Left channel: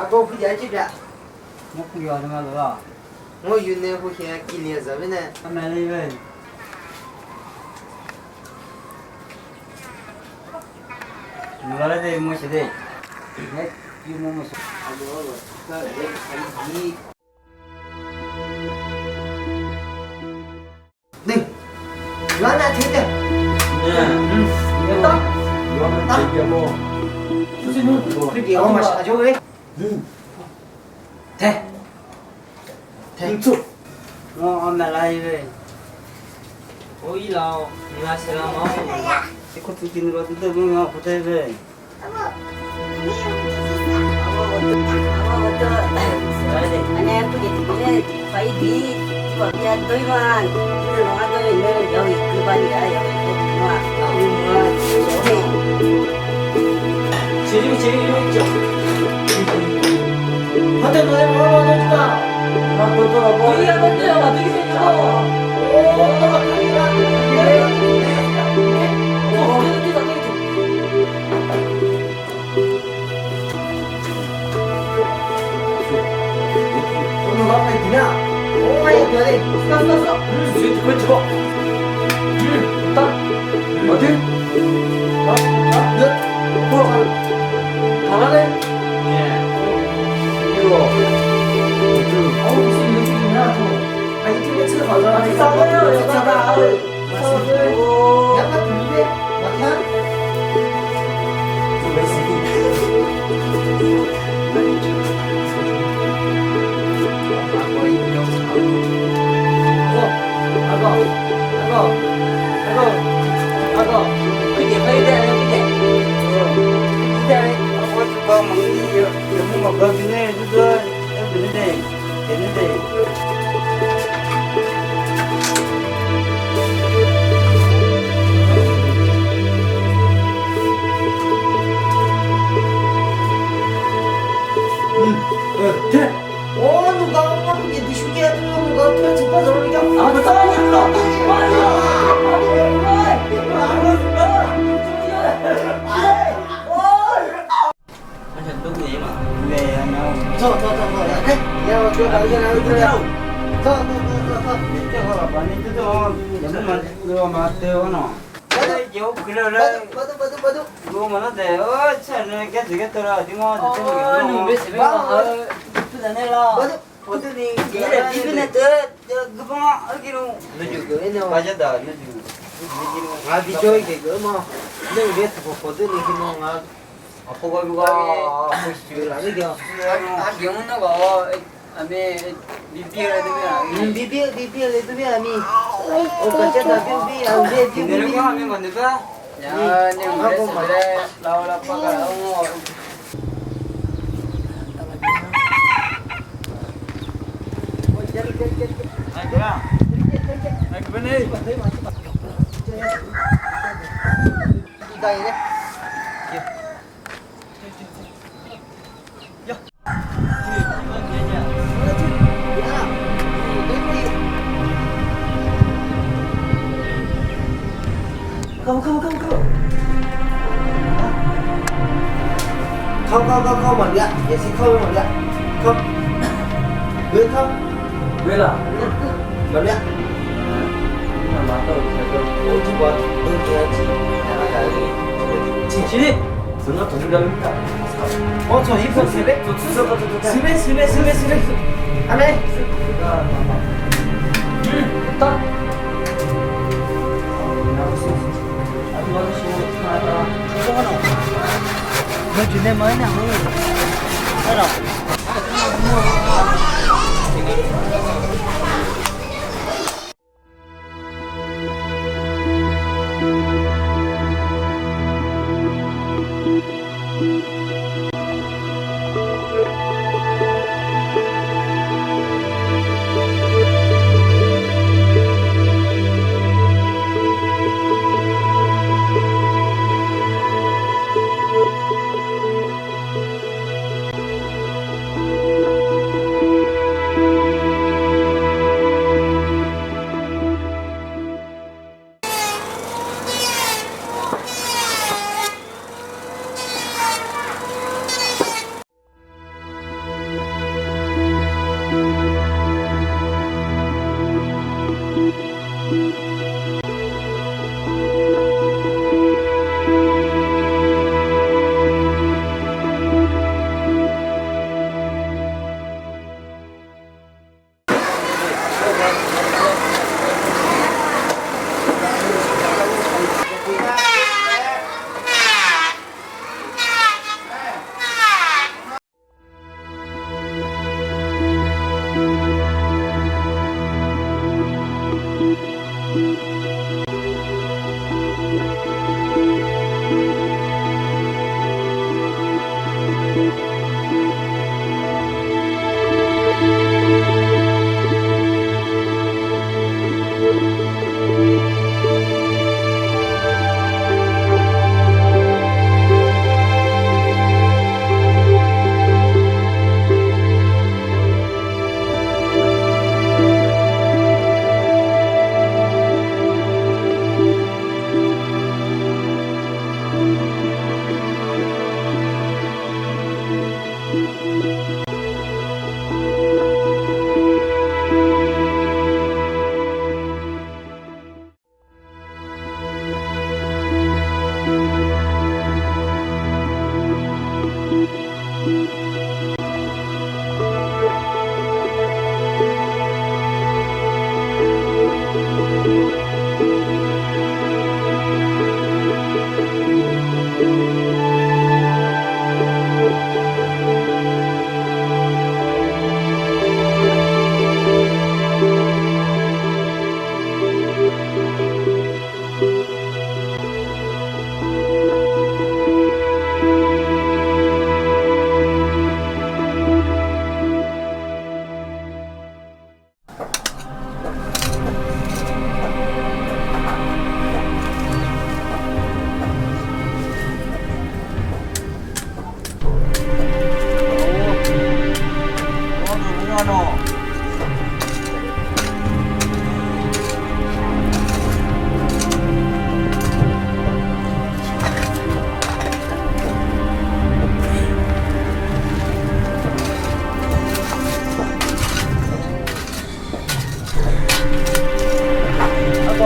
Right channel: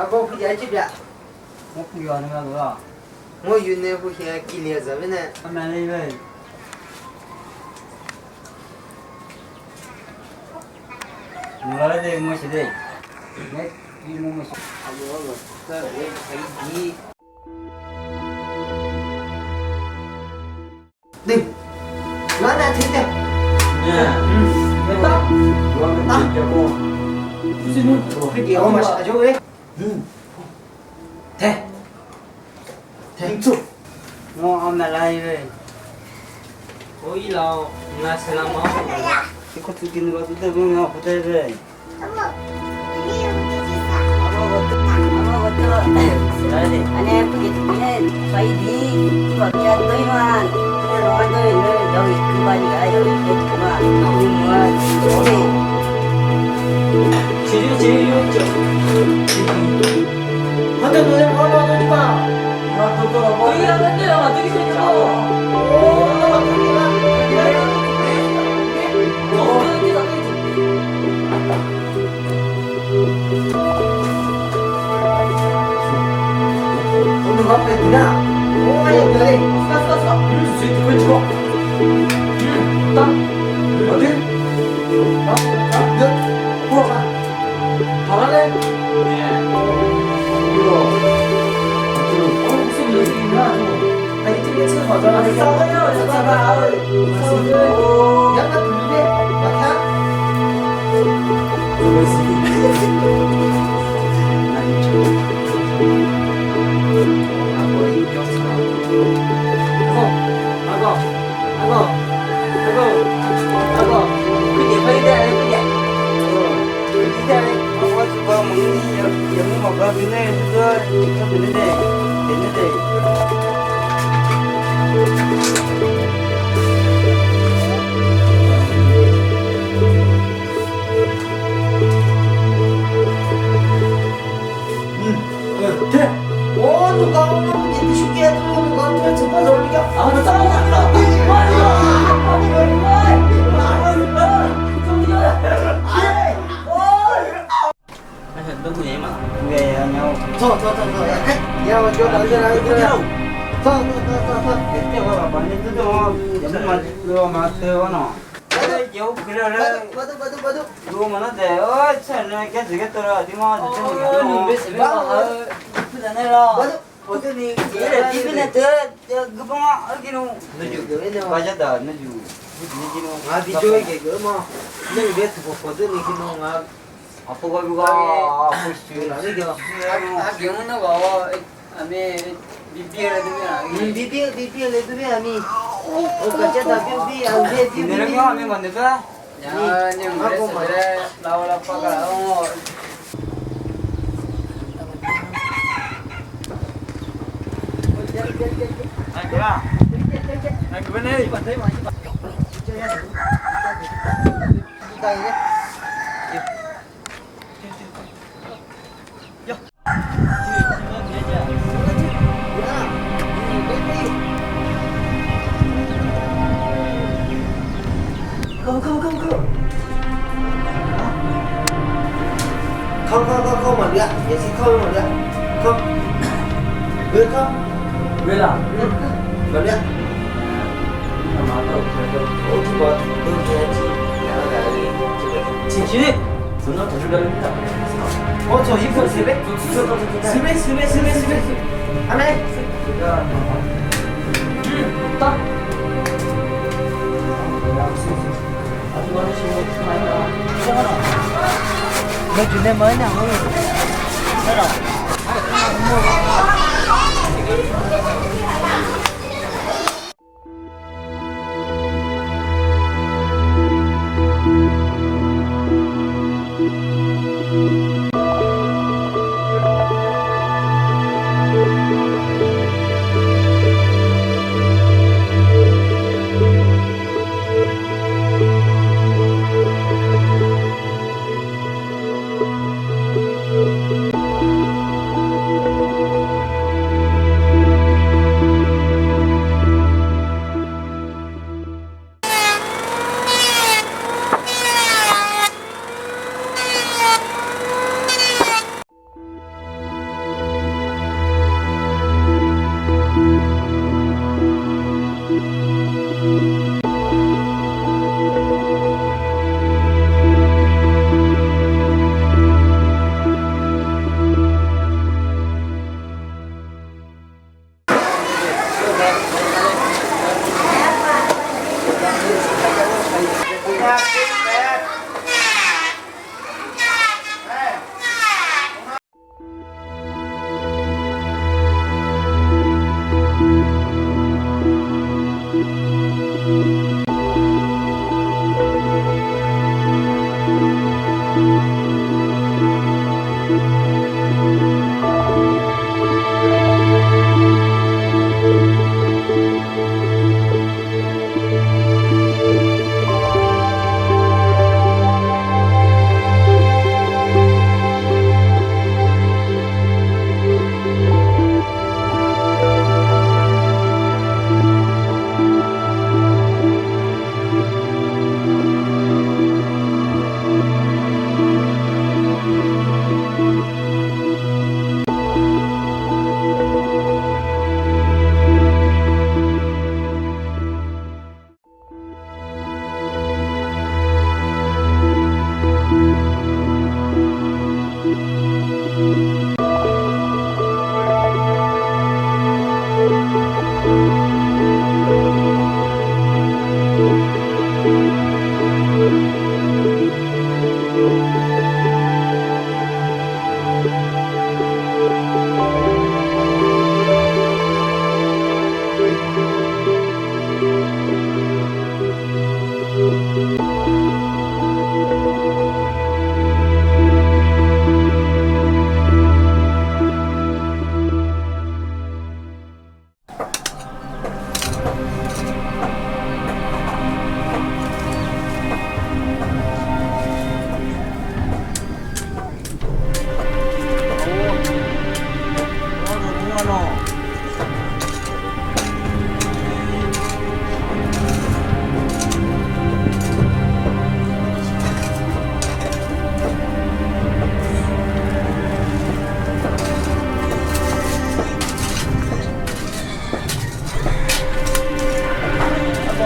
아고 부자 집이야. 뭐 구경하는 거야? 뭐 윤내 후에 길려서 왜네? 아메리 왜? 몰라야 돼 뭐시대? 내 이모 뭐시? 아고 그왜 자기 네. 나나 된다. 네. 됐다. 이거는 얘기하고 무슨 그게 엄마 사줘 왜? 돼. 땡초. 아메리 왜? 오이라오 나 살라마. 이거 두기는 거 뜯어 보면 보대 왜? Anh em có dịch phải đi mà bây giờ tới mà nó nói tới nữa rồi cứ bao nhiêu rồi mà nhưng mà chỗ này 제일 있죠. 어떤 노래 불러줄까? 너도 뭐 여기가 뭔데요? 어떻게 생겼어? 오, 막하기가. 오늘 앞에 누나. 오, 아야 너네. 갔어. 스위트 건지고. 딱. 어디? 몇? 잘하네. 이거. 무슨 연습이냐? 아니 팀에 차 가져라. 싸워요, 여자가. 오, 약간 들리네. 막혀? 그게 파이다 그게. 이제 아빠 좀 먹니 영무 먹어 비네 그거 됐는데. 돼. 오, 누가 오면 이제 쉽게 해도 누가 어떻게 접어서 올리게. 아, 나 싸우냐? 사실 너무 얘만 왜 하냐고. 더. 야, 저 남자랑 더. 내가 많이 뜯어 연만 들어 맞대요나. 요 그래래. 맞아. 그거 만한데 차는 깨지겠더라. 니마 왜 새벽아? 이쁘다네라. 맞아. 어디니 얘를 비비네 그방아 어디로 너주 맞았다 너주 아, 비조이게 그뭐 너희 베트 보거든 이게 뭐가 아파가지고 줄 아니겨. 경은나가 아메 비비를 되면 비비 레드비 아니. 어까지다 비비 안 돼. 내는 거 하면 건데가 야, 님 그래서 그래. 라오라 빠가. 아이고야 그만해 이다이네. Không một lẹ, vậy sẽ không một lẹ. Không. Được không? 왜 라? Một lẹ. Ôi chú bật, tôi cho chị. 진실이? 전화 더 줄랍니다. 저 입고 세배? 세배. 안해. 딱. 아주 많으시고 하나. 이거는 너 주내 뭐냐?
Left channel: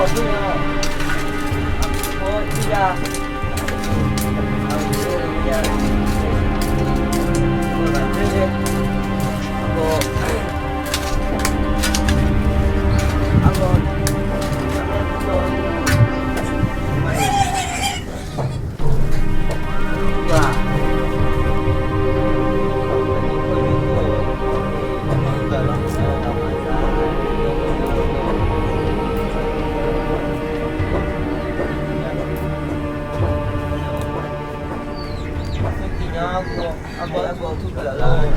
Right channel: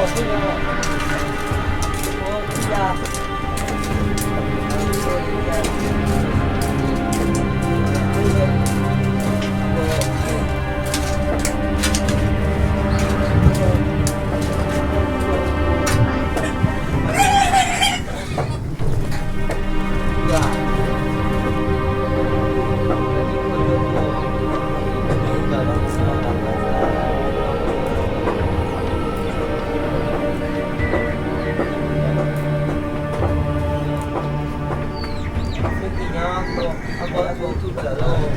뭐 그냥 뭐 진짜 aku tu kalau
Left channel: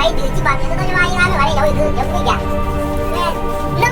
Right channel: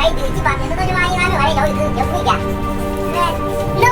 phải điều chỉ bằng những cái máy nó lại đổi được giống như vậy. Nên nó